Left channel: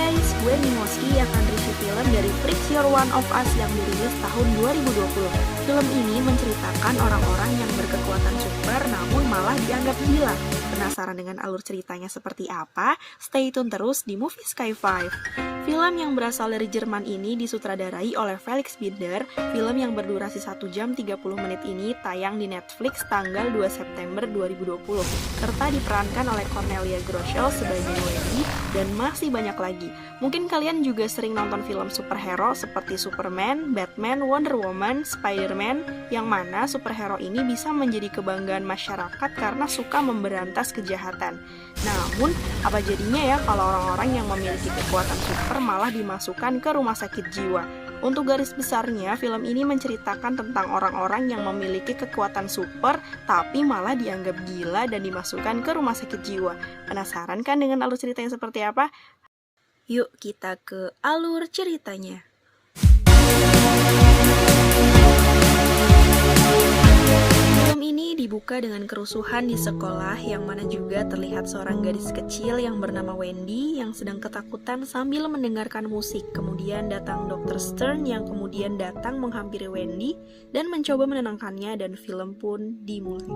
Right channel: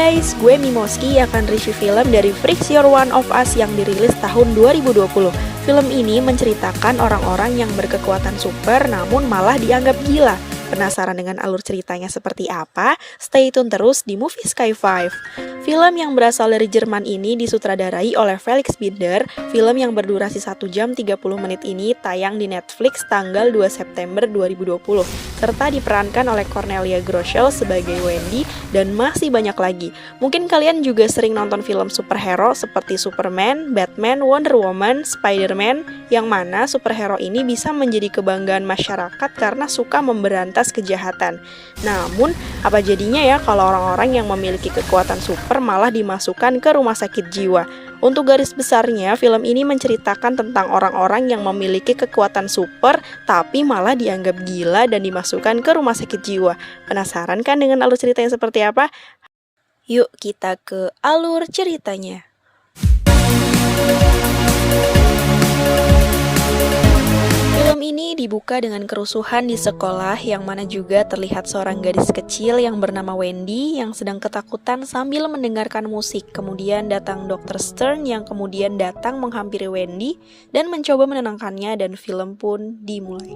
guys, gue Mimoski akan review film dari Freaks You're One of Us yang dirilis tahun 2020. Film ini menceritakan orang-orang yang berkekuatan super namun malah dianggap gila. Penasaran dengan alur ceritanya seperti apa? Stay tune terus di Movie Sky 5. Film yang berasal dari Jerman ini disutradarai oleh Felix Binder. Film yang berdurasi 1 jam 30 menit ini tayang di Netflix tanggal 2 September 2020. Serta diperankan oleh Cornelia Groschel sebagai Wendy dan masih banyak lagi. Mungkin kalian juga sering nonton film superhero seperti Superman, Batman, Wonder Woman, Spider-Man, yang mana superhero ini bisa menjadi kebanggaan masyarakat karena suka memberantas kejahatan. Namun, apa jadinya ya kalau orang-orang yang memiliki kekuatan super malah dimasukkan ke rumah sakit jiwa? Untuk garis besarnya, film ini menceritakan tentang orang-orang yang memiliki kekuatan super tapi malah dianggap gila dan dimasukkan ke rumah sakit jiwa. Penasaran kan dengan alur ceritanya seperti apa? Yuk kita ke alur ceritanya. Film ini dibuka dengan kerusuhan di sekolah yang mana juga terlihat seorang gadis kecil yang bernama Wendy yang sedang ketakutan sambil mendengarkan musik. Kemudian datang Dr. Stern yang kemudian datang menghampiri Wendy dan mencoba menenangkannya dan film pun dimulai.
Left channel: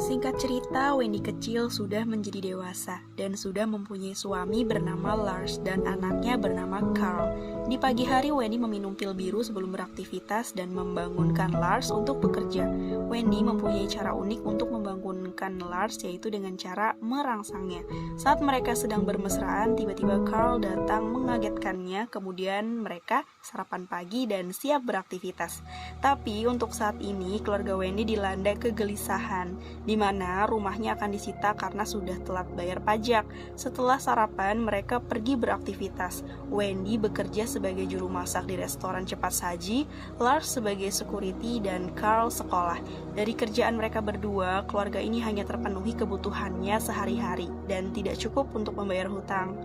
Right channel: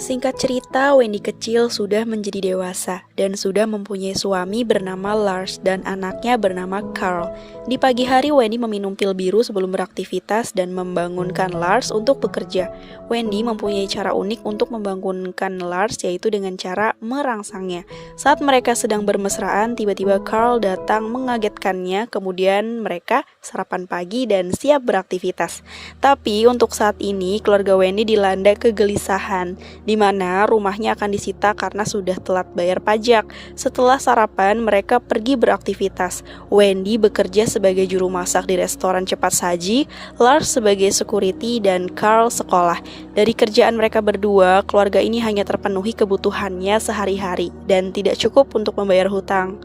Singkat cerita, Wendy kecil sudah menjadi dewasa dan sudah mempunyai suami bernama Lars dan anaknya bernama Carl. Di pagi hari, Wendy meminum pil biru sebelum beraktivitas dan membangunkan Lars untuk bekerja. Wendy mempunyai cara unik untuk membangunkan Lars, yaitu dengan cara merangsangnya. Saat mereka sedang bermesraan, tiba-tiba Carl datang mengagetkannya, kemudian mereka sarapan pagi dan siap beraktivitas. Tapi untuk saat ini, keluarga Wendy dilanda kegelisahan, di mana rumahnya akan disita karena sudah telat bayar pajak. Setelah sarapan, mereka pergi beraktivitas. Wendy bekerja sebagai juru masak di restoran cepat saji, Lars sebagai security, dan Carl sekolah. Dari kerjaan mereka berdua, keluarga ini hanya terpenuhi kebutuhannya sehari-hari dan tidak cukup untuk membayar hutang.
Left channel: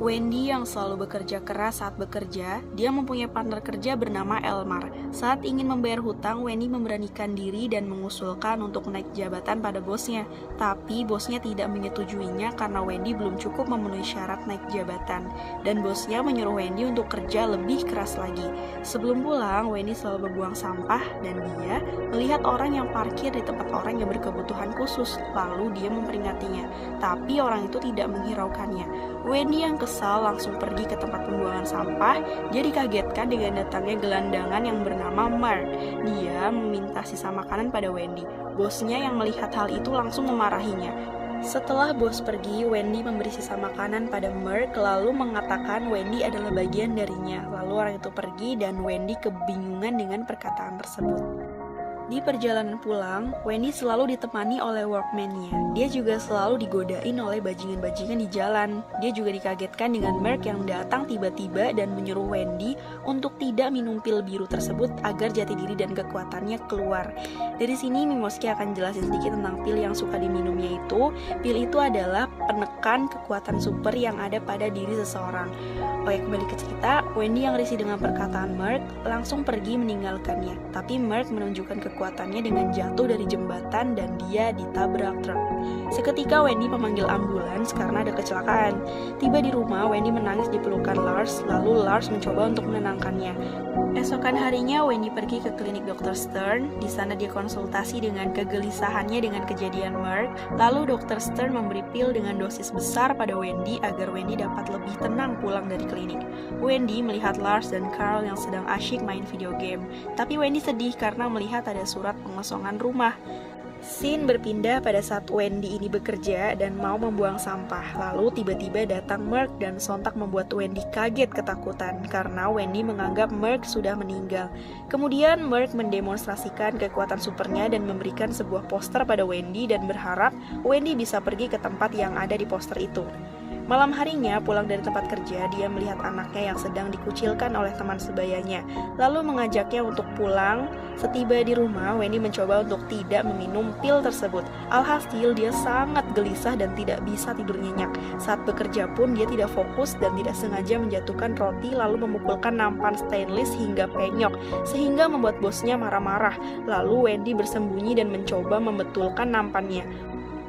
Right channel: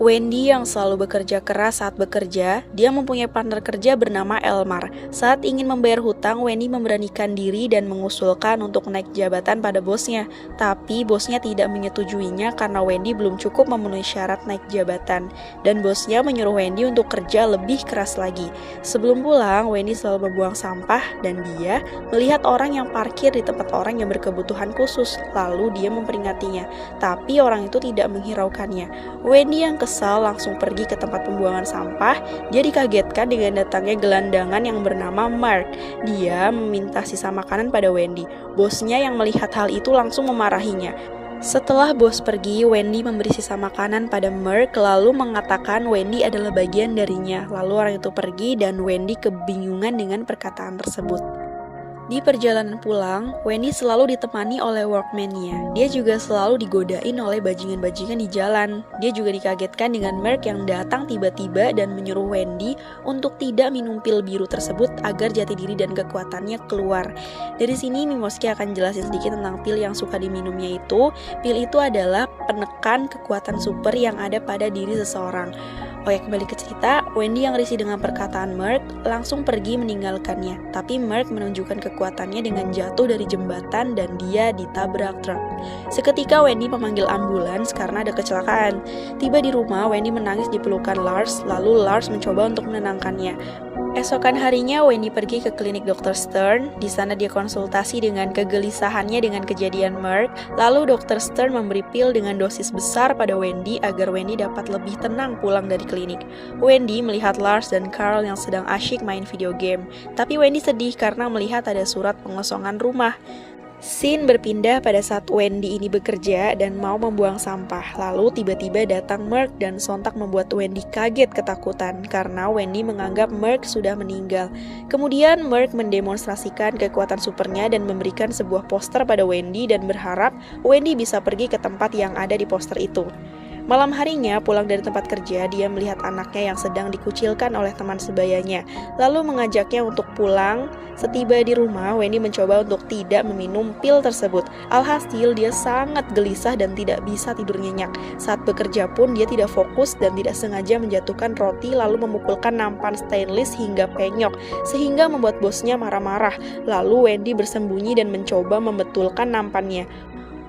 Wendy yang selalu bekerja keras saat bekerja, dia mempunyai partner kerja bernama Elmar. Saat ingin membayar hutang, Wendy memberanikan diri dan mengusulkan untuk naik jabatan pada bosnya. Tapi bosnya tidak menyetujuinya karena Wendy belum cukup memenuhi syarat naik jabatan. Dan bosnya menyuruh Wendy untuk kerja lebih keras lagi. Sebelum pulang, Wendy selalu membuang sampah dan dia melihat orang yang parkir di tempat orang yang berkebutuhan khusus. Lalu dia memperingatinya, tapi orang itu tidak menghiraukannya. Wendy yang kesal langsung pergi ke tempat pembuangan sampah. Dia dikagetkan dengan datangnya gelandangan yang bernama Mark. Dia meminta sisa makanan pada Wendy. Bosnya yang melihat hal itu langsung memarahinya. Setelah bos pergi, Wendy memberi sisa makanan pada Mark lalu mengatakan Wendy adalah bagian darinya. Lalu orang itu pergi dan Wendy kebingungan dengan perkataan tersebut. Di perjalanan pulang, Wendy selalu ditemani oleh workman-nya. Dia juga selalu digodain oleh bajingan-bajingan di jalan. Dia juga dikagetkan dengan Mark yang datang tiba-tiba dan menyuruh Wendy untuk tidak minum pil biru tersebut agar jati diri dan kekuatannya keluar. Dari sini Mimoski akan jelasin sedikit tentang pil yang suka diminumnya itu. Pil itu adalah penekan kekuatan super yang ada pada diri seseorang. Oke, kembali ke cerita, Wendy yang risih dengan perkataan Mark langsung pergi meninggalkannya. Tapi Mark menunjukkan kekuatannya dengan jatuh dari jembatan dan dia ditabrak truk. Seketika Wendy memanggil ambulans karena ada kecelakaan. Tiba di rumah, Wendy menangis di pelukan Lars, lalu Lars mencoba untuk menenangkannya. Esokan harinya, Wendy pergi ke klinik Dr. Stern. Di sana dia konsultasi dengan kegelisahannya dengan kejadian Mark. Lalu Dr. Stern memberi pil dengan dosis besar pada Wendy agar Wendy dapat lebih tenang pulang dari klinik. Wendy melihat Lars dan Carl yang sedang asyik main video game. Tapi Wendy sedih karena melihat ada surat pengosongan rumah. Scene berpindah pada saat Wendy ini bekerja dan mau membuang sampah. Lalu tiba-tiba datang Mark dan sontak membuat Wendy kaget ketakutan karena Wendy menganggap Mark sudah meninggal. Kemudian Mark mendemonstrasikan kekuatan supernya dan memberikan sebuah poster pada Wendy dan berharap Wendy bisa pergi ke tempat yang ada di poster itu. Malam harinya, pulang dari tempat kerja, dia melihat anaknya yang sedang dikucilkan oleh teman sebayanya, lalu mengajaknya untuk pulang. Setiba di rumah, Wendy mencoba untuk tidak meminum pil tersebut. Alhasil, dia sangat gelisah dan tidak bisa tidur nyenyak. Saat bekerja pun, dia tidak fokus dan tidak sengaja menjatuhkan roti lalu memukulkan nampan stainless hingga penyok, sehingga membuat bosnya marah-marah. Lalu Wendy bersembunyi dan mencoba membetulkan nampannya.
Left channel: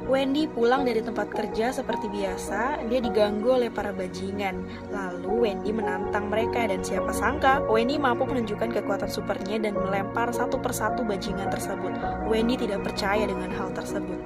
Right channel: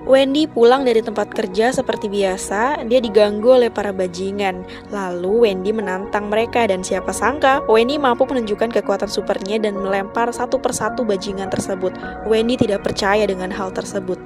Wendy pulang dari tempat kerja seperti biasa, dia diganggu oleh para bajingan. Lalu Wendy menantang mereka dan siapa sangka Wendy mampu menunjukkan kekuatan supernya dan melempar satu persatu bajingan tersebut. Wendy tidak percaya dengan hal tersebut.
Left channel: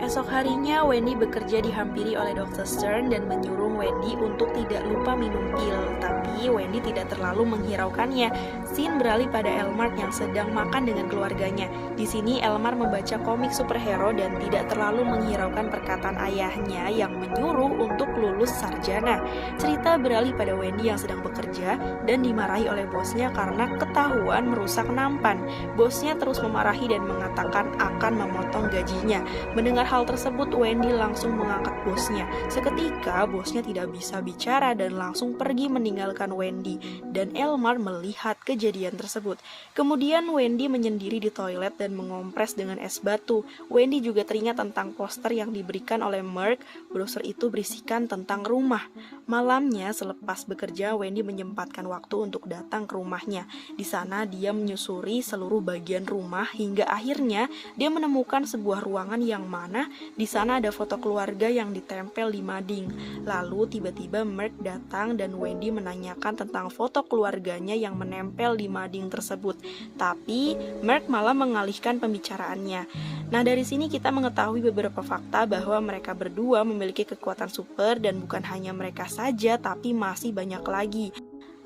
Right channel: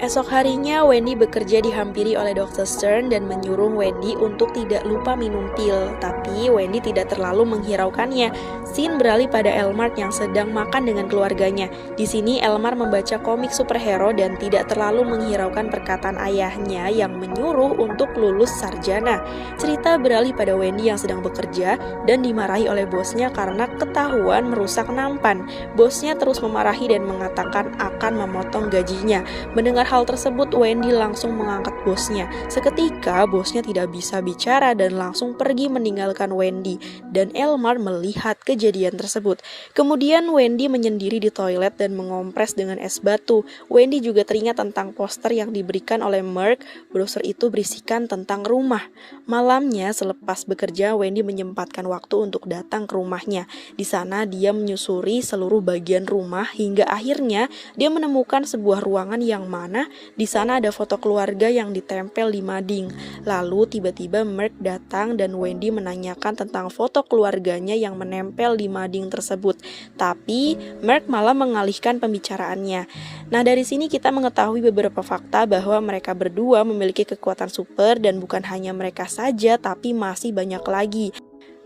Esok harinya, Wendy bekerja dihampiri oleh Dr. Stern dan menyuruh Wendy untuk tidak lupa minum pil. Tapi Wendy tidak terlalu menghiraukannya. Scene beralih pada Elmar yang sedang makan dengan keluarganya. Di sini Elmar membaca komik superhero dan tidak terlalu menghiraukan perkataan ayahnya yang menyuruh untuk lulus sarjana. Cerita beralih pada Wendy yang sedang bekerja dan dimarahi oleh bosnya karena ketahuan merusak nampan. Bosnya terus memarahi dan mengatakan akan memotong gajinya. Mendengar hal tersebut, Wendy langsung mengangkat bosnya. Seketika, bosnya tidak bisa bicara dan langsung pergi meninggalkan Wendy. Dan Elmar melihat kejadian tersebut. Kemudian Wendy menyendiri di toilet dan mengompres dengan es batu. Wendy juga teringat tentang poster yang diberikan oleh Mark. Brosur itu berisikan tentang rumah. Malamnya, selepas bekerja, Wendy menyempatkan waktu untuk datang ke rumahnya. Di sana, dia menyusuri seluruh bagian rumah hingga akhirnya dia menemukan sebuah ruangan yang mana di sana ada foto keluarga yang ditempel di mading. Lalu tiba-tiba Mark datang dan Wendy menanyakan tentang foto keluarganya yang menempel di mading tersebut. Tapi Mark malah mengalihkan pembicaraannya. Nah, dari sini kita mengetahui beberapa fakta bahwa mereka berdua memiliki kekuatan super dan bukan hanya mereka saja tapi masih banyak lagi.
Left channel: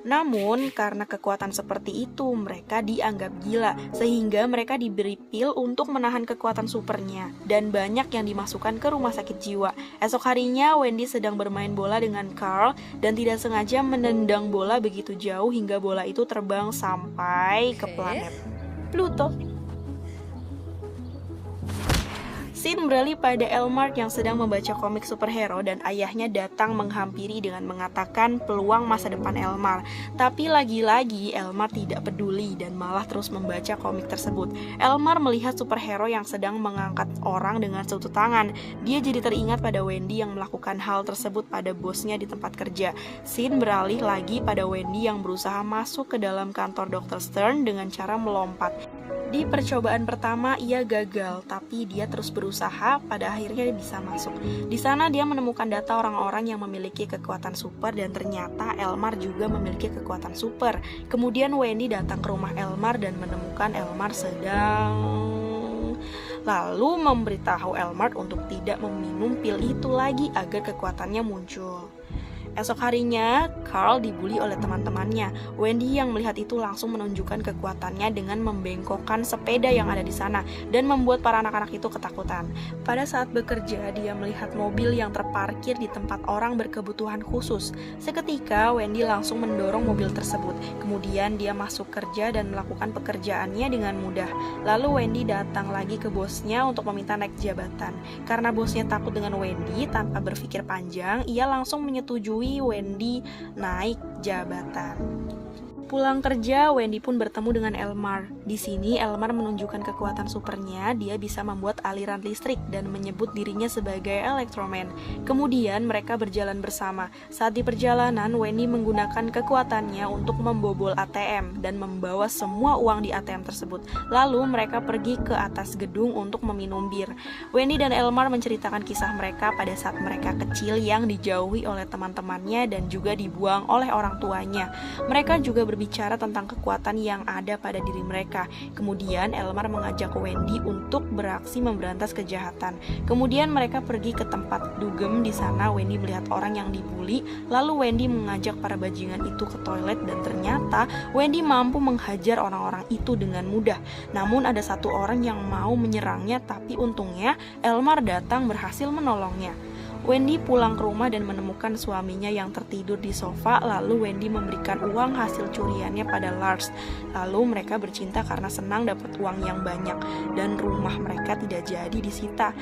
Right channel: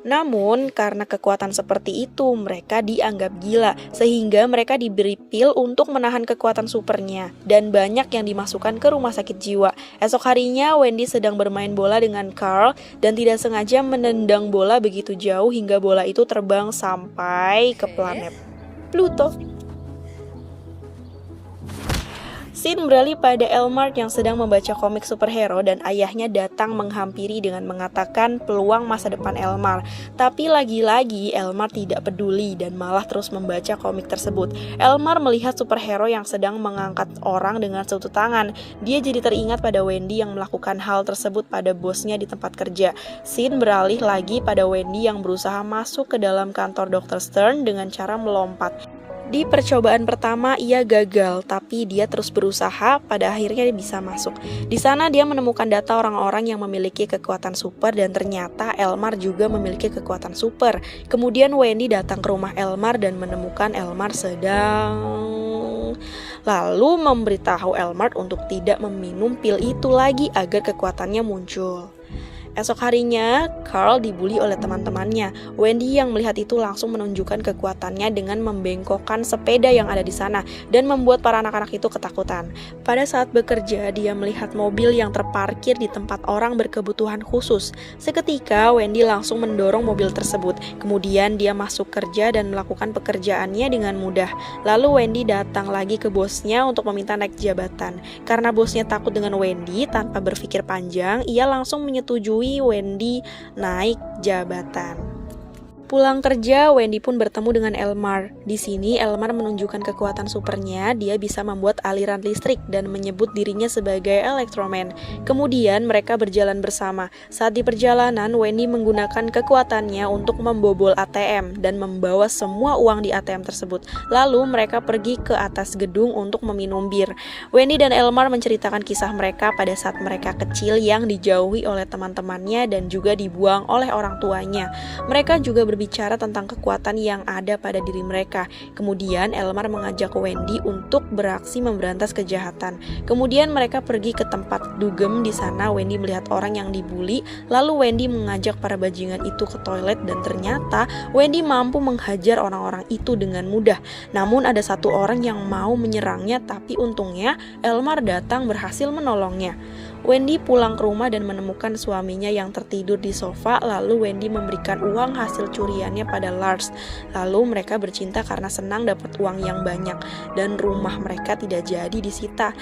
Namun, karena kekuatan seperti itu, mereka dianggap gila, sehingga mereka diberi pil untuk menahan kekuatan supernya, dan banyak yang dimasukkan ke rumah sakit jiwa. Esok harinya, Wendy sedang bermain bola dengan Carl, dan tidak sengaja menendang bola begitu jauh hingga bola itu terbang sampai ke planet Pluto. Scene beralih pada Elmar yang sedang membaca komik superhero dan ayahnya datang menghampiri dengan mengatakan peluang masa depan Elmar. Tapi lagi-lagi Elmar tidak peduli dan malah terus membaca komik tersebut. Elmar melihat superhero yang sedang mengangkat orang dengan satu tangan. Dia jadi teringat pada Wendy yang melakukan hal tersebut pada bosnya di tempat kerja. Scene beralih lagi pada Wendy yang berusaha masuk ke dalam kantor Dr. Stern dengan cara melompat. Di percobaan pertama ia gagal, tapi dia terus berusaha, pada akhirnya dia bisa masuk. Di sana dia menemukan data orang-orang yang memiliki kekuatan super dan ternyata Elmar juga memiliki kekuatan super. Kemudian Wendy datang ke rumah Elmar dan menemukan Elmar lalu memberitahu Elmar untuk tidak meminum pil itu lagi agar kekuatannya muncul. Esok harinya, Carl dibully oleh teman-temannya. Wendy yang melihat itu langsung menunjukkan kekuatannya dengan membengkokkan sepeda yang ada di sana dan membuat para anak-anak itu ketakutan. Pada saat bekerja, dia melihat mobil yang terparkir di tempat orang berkebutuhan khusus. Seketika, Wendy langsung mendorong mobil tersebut. Kemudian dia masuk kerja dan melakukan pekerjaannya dengan mudah. Lalu Wendy datang lagi ke bosnya untuk meminta naik jabatan. Karena bosnya takut dengan Wendy, tanpa berpikir panjang, ia langsung menyetujui Wendy naik jabatan. Pulang kerja, Wendy pun bertemu dengan Elmar. Di sini Elmar menunjukkan kekuatan supernya, dia bisa membuat aliran listrik dan menyebut dirinya sebagai Electroman. Kemudian mereka berjalan bersama. Saat di perjalanan, Wendy menggunakan kekuatannya untuk membobol ATM dan membawa semua uang di ATM tersebut. Lalu mereka pergi ke atas gedung untuk meminum bir. Wendy dan Elmar menceritakan kisah mereka pada saat mereka kecil yang dijauhi oleh teman-temannya dan juga dibuang oleh orang tuanya. Mereka juga berbicara tentang kekuatan yang ada pada diri mereka. Kemudian Elmar mengajak Wendy untuk beraksi memberantas kejahatan. Kemudian mereka pergi ke tempat dugem. Di sana Wendy melihat orang yang dibully. Lalu Wendy mengajak para bajingan itu ke toilet dan ternyata Wendy mampu menghajar orang-orang itu dengan mudah. Namun ada satu orang yang mau menyerangnya, tapi untungnya Elmar datang berhasil menolongnya. Wendy pulang ke rumah dan menemukan suaminya yang tertidur di sofa. Lalu Wendy memberikan uang hasil curiannya pada Lars. Lalu mereka bercinta karena senang dapat uang yang banyak dan rumah mereka tidak jadi disita.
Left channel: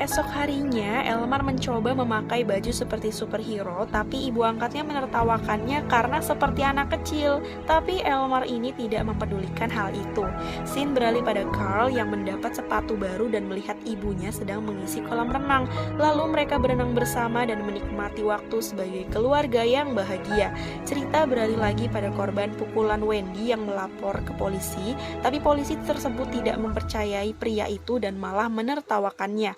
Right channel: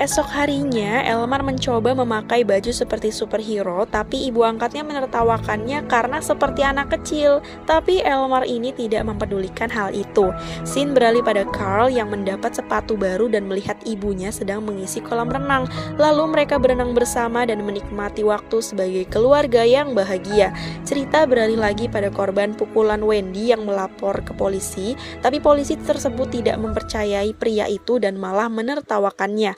Esok harinya, Elmar mencoba memakai baju seperti superhero, tapi ibu angkatnya menertawakannya karena seperti anak kecil. Tapi Elmar ini tidak mempedulikan hal itu. Scene beralih pada Carl yang mendapat sepatu baru dan melihat ibunya sedang mengisi kolam renang. Lalu mereka berenang bersama dan menikmati waktu sebagai keluarga yang bahagia. Cerita beralih lagi pada korban pukulan Wendy yang melapor ke polisi, tapi polisi tersebut tidak mempercayai pria itu dan malah menertawakannya.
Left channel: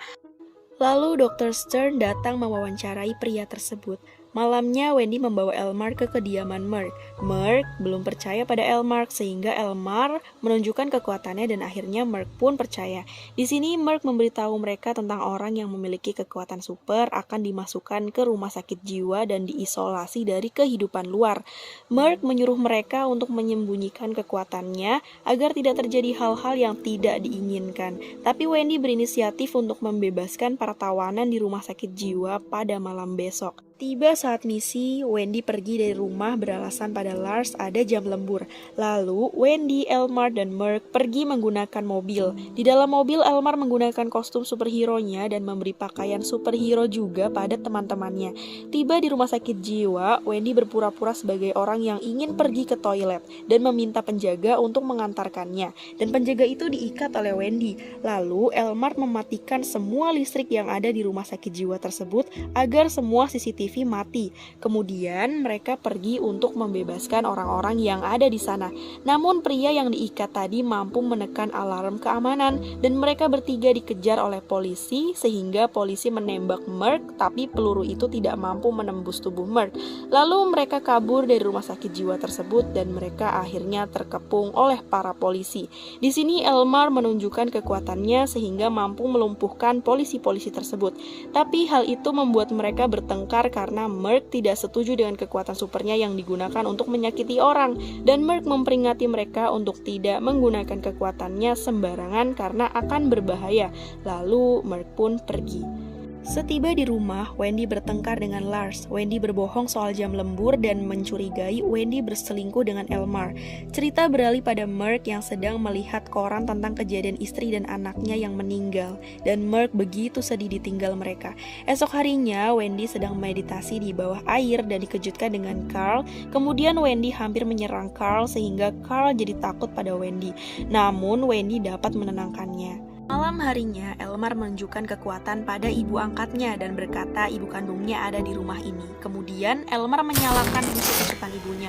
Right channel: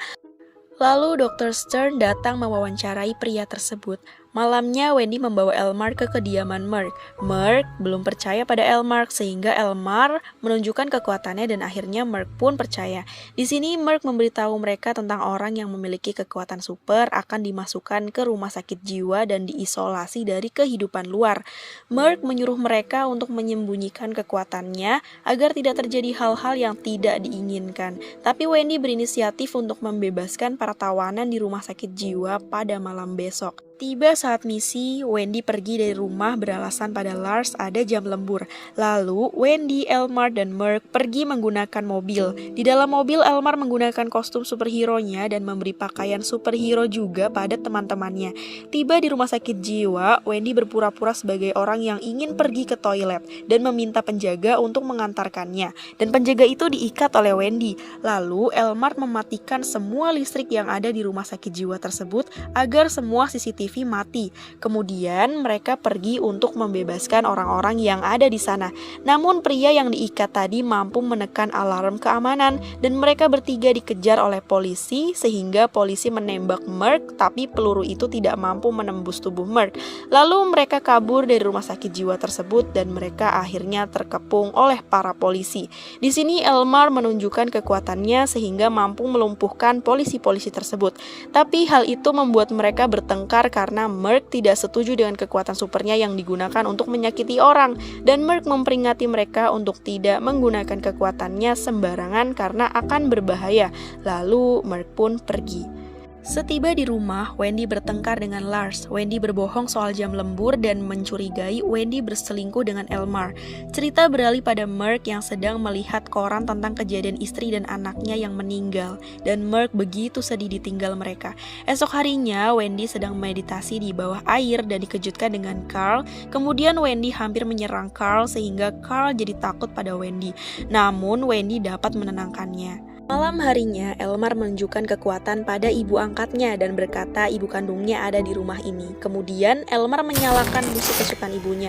Lalu Dr. Stern datang mewawancarai pria tersebut. Malamnya Wendy membawa Elmar ke kediaman Merc. Merc belum percaya pada Elmar sehingga Elmar menunjukkan kekuatannya dan akhirnya Merc pun percaya. Di sini Merc memberitahu mereka tentang orang yang memiliki kekuatan super akan dimasukkan ke rumah sakit jiwa dan diisolasi dari kehidupan luar. Merc menyuruh mereka untuk menyembunyikan kekuatannya agar tidak terjadi hal-hal yang tidak diinginkan. Tapi Wendy berinisiatif untuk membebaskan para tawanan di rumah sakit jiwa pada malam besok. Tiba saat misi, Wendy pergi dari rumah beralasan pada Lars ada jam lembur. Lalu, Wendy, Elmar, dan Merc pergi menggunakan mobil. Di dalam mobil, Elmar menggunakan kostum superhero-nya dan memberi pakaian superhero juga pada teman-temannya. Tiba di rumah sakit jiwa, Wendy berpura-pura sebagai orang yang ingin pergi ke toilet dan meminta penjaga untuk mengantarkannya. Dan penjaga itu diikat oleh Wendy. Lalu, Elmar mematikan semua listrik yang ada di rumah sakit jiwa tersebut agar semua CCTV mati. Kemudian mereka pergi untuk membebaskan orang-orang yang ada di sana. Namun pria yang diikat tadi mampu menekan alarm keamanan dan mereka bertiga dikejar oleh polisi sehingga polisi menembak Merc tapi peluru itu tidak mampu menembus tubuh Merc. Lalu mereka kabur dari rumah sakit jiwa tersebut dan mereka akhirnya terkepung oleh para polisi. Di sini Elmar menunjukkan kekuatannya sehingga mampu melumpuhkan polisi-polisi tersebut. Tapi hal itu membuat mereka bertengkar karena Merc tidak setuju dengan kekuatan supernya yang digunakan untuk menyakiti orang dan Merc memperingatkan mereka untuk tidak menggunakan kekuatannya sembarangan karena akan berbahaya. Lalu Merc pun pergi. Setiba di rumah, Wendy bertengkar dengan Lars. Wendy berbohong soal jam lembur dan mencurigai Wendy berselingkuh dengan Elmar. Cerita beralih pada Merc yang sedang melihat koran tentang kejadian istri dan anaknya yang meninggal. Dan Merc begitu sedih ditinggal mereka. Esok harinya, Wendy sedang meditasi di bawah air dan dikejutkan dengan Carl. Kemudian Wendy hampir menyerang Carl sehingga Carl jadi takut pada Wendy. Namun Wendy dapat menenangkannya. Malam harinya, Elmar menunjukkan kekuatan pada ibu angkatnya dan berkata ibu kandungnya ada di rumah ini. Kemudian, Elmar menyalakan listrik kesukaan ibunya.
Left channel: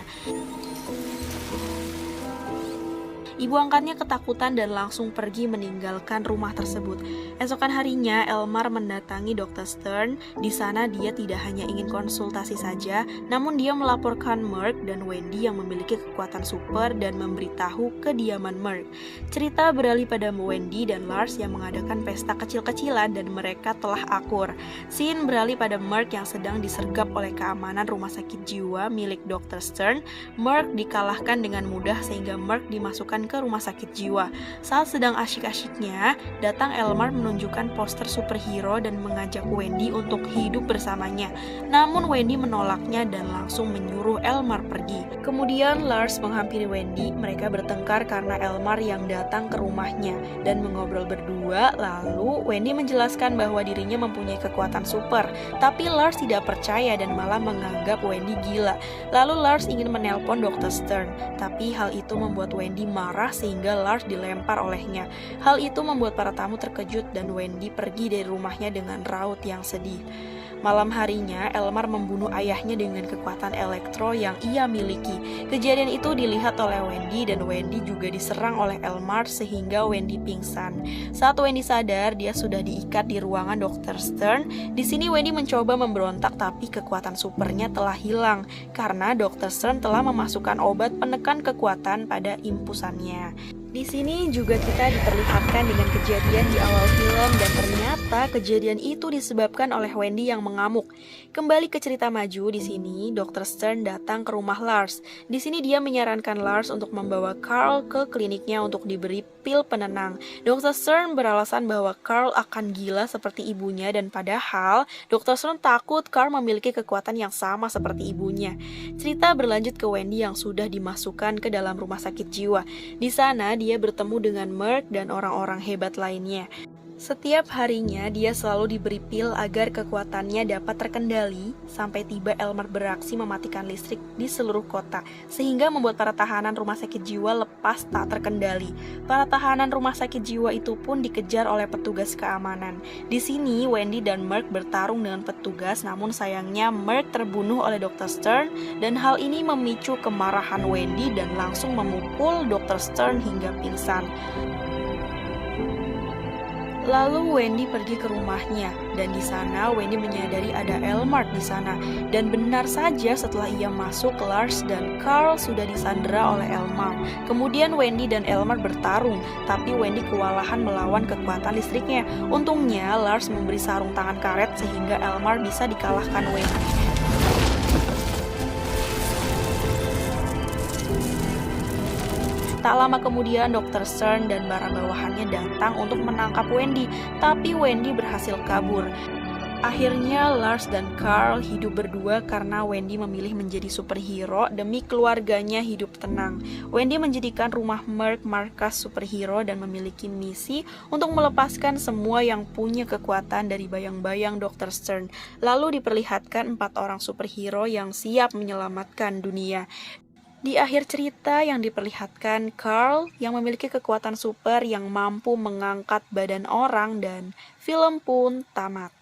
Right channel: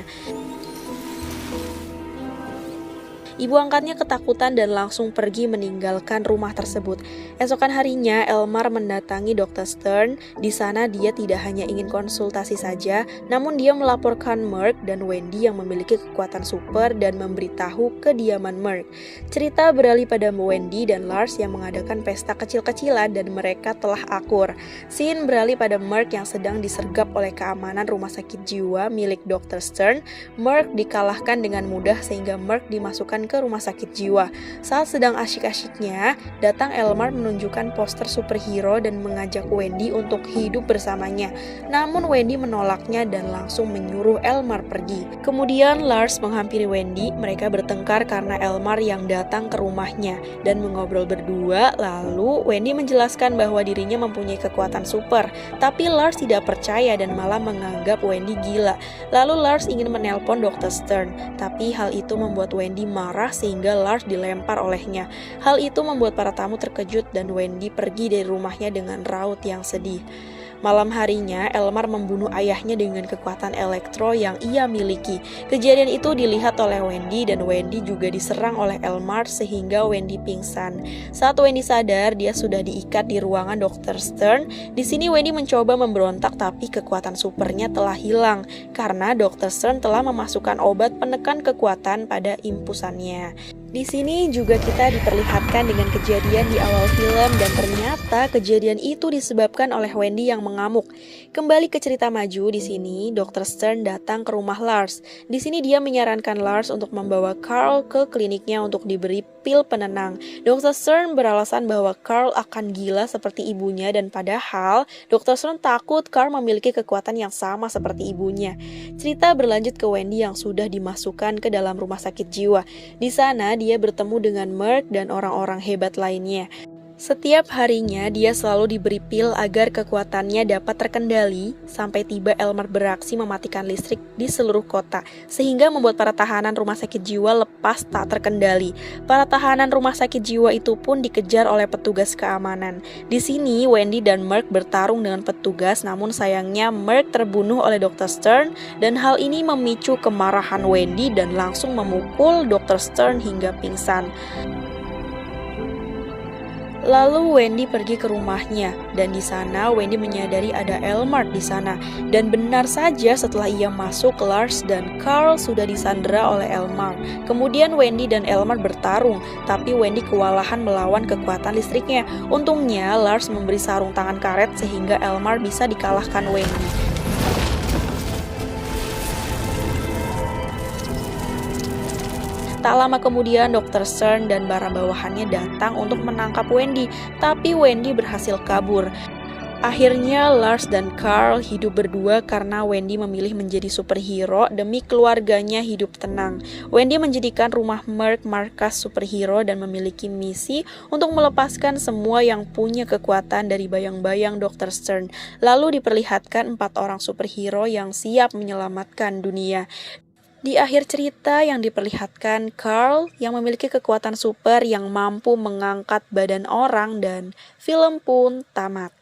Ibu angkatnya ketakutan dan langsung pergi meninggalkan rumah tersebut. Esokan harinya, Elmar mendatangi Dr. Stern. Di sana dia tidak hanya ingin konsultasi saja, namun dia melaporkan Merc dan Wendy yang memiliki kekuatan super dan memberitahu kediaman Merc. Cerita beralih pada Wendy dan Lars yang mengadakan pesta kecil-kecilan dan mereka telah akur. Scene beralih pada Merc yang sedang disergap oleh keamanan rumah sakit jiwa milik Dr. Stern. Merc dikalahkan dengan mudah sehingga Merc dimasukkan ke rumah sakit jiwa. Saat sedang asyik-asyiknya, datang Elmar menunjukkan poster superhero dan mengajak Wendy untuk hidup bersamanya. Namun Wendy menolaknya dan langsung menyuruh Elmar pergi. Kemudian Lars menghampiri Wendy, mereka bertengkar karena Elmar yang datang ke rumahnya dan mengobrol berdua. Lalu Wendy menjelaskan bahwa dirinya mempunyai kekuatan super, tapi Lars tidak percaya dan malah menganggap Wendy gila. Lalu Lars ingin menelpon Dr. Stern, tapi hal itu membuat Wendy marah sehingga Lars dilempar olehnya. Hal itu membuat para tamu terkejut dan Wendy pergi dari rumahnya dengan raut yang sedih. Malam harinya, Elmar membunuh ayahnya dengan kekuatan elektro yang ia miliki. Kejadian itu dilihat oleh Wendy dan Wendy juga diserang oleh Elmar sehingga Wendy pingsan. Saat Wendy sadar, dia sudah diikat di ruangan Dr. Stern. Di sini Wendy mencoba memberontak tapi kekuatan supernya telah hilang karena Dr. Stern telah memasukkan obat penekan kekuatan pada impusannya. Di sini juga kita diperlihatkan dengan kejadian di awal film dan ternyata kejadian itu disebabkan oleh Wendy yang mengamuk. Kembali ke cerita maju, di sini Dr. Stern datang ke rumah Lars. Di sini dia menyarankan Lars untuk membawa Carl ke kliniknya untuk diberi pil penenang. Dr. Stern beralasan bahwa Carl akan gila seperti ibunya dan padahal Dr. Stern takut Carl memiliki kekuatan yang sama seperti ibunya. Cerita berlanjut ke Wendy yang sudah dimasukkan ke dalam rumah sakit jiwa. Di sana dia bertemu dengan Merc dan orang-orang hebat lainnya. Di sini Wendy menjelaskan bahwa Setiap harinya dia selalu diberi pil agar kekuatannya dapat terkendali sampai tiba Elmer beraksi mematikan listrik di seluruh kota, sehingga membuat para tahanan rumah sakit jiwa lepas tak terkendali. Para tahanan rumah sakit jiwa itu pun dikejar oleh petugas keamanan. Di sini Wendy dan Mark bertarung dengan petugas, namun sayangnya Mark terbunuh oleh Dr. Stern dan hal ini memicu kemarahan Wendy dan langsung memukul Dr. Stern hingga pingsan. Lalu Wendy pergi ke rumahnya, dan di sana Wendy menyadari ada Elmer di sana. Dan benar saja setelah ia masuk, Lars dan Carl sudah disandera oleh Elmer. Kemudian Wendy dan Elmer bertarung, tapi Wendy kewalahan melawan kekuatan listriknya. Untungnya Lars memberi sarung tangan karet sehingga Elmer bisa dikalahkan Wendy. Tak lama kemudian Dr. Stern dan para bawahannya datang untuk menangkap Wendy, tapi Wendy berhasil kabur. Akhirnya Lars dan Carl hidup berdua karena Wendy memilih menjadi superhero demi keluarganya hidup tenang. Wendy menjadikan rumah Merc markas superhero dan memiliki misi untuk melepaskan semua yang punya kekuatan dari bayang-bayang Dr. Stern. Lalu diperlihatkan 4 orang superhero yang siap menyelamatkan dunia. Di akhir cerita yang diperlihatkan Carl yang memiliki kekuatan super yang mampu mengangkat badan orang dan film pun tamat.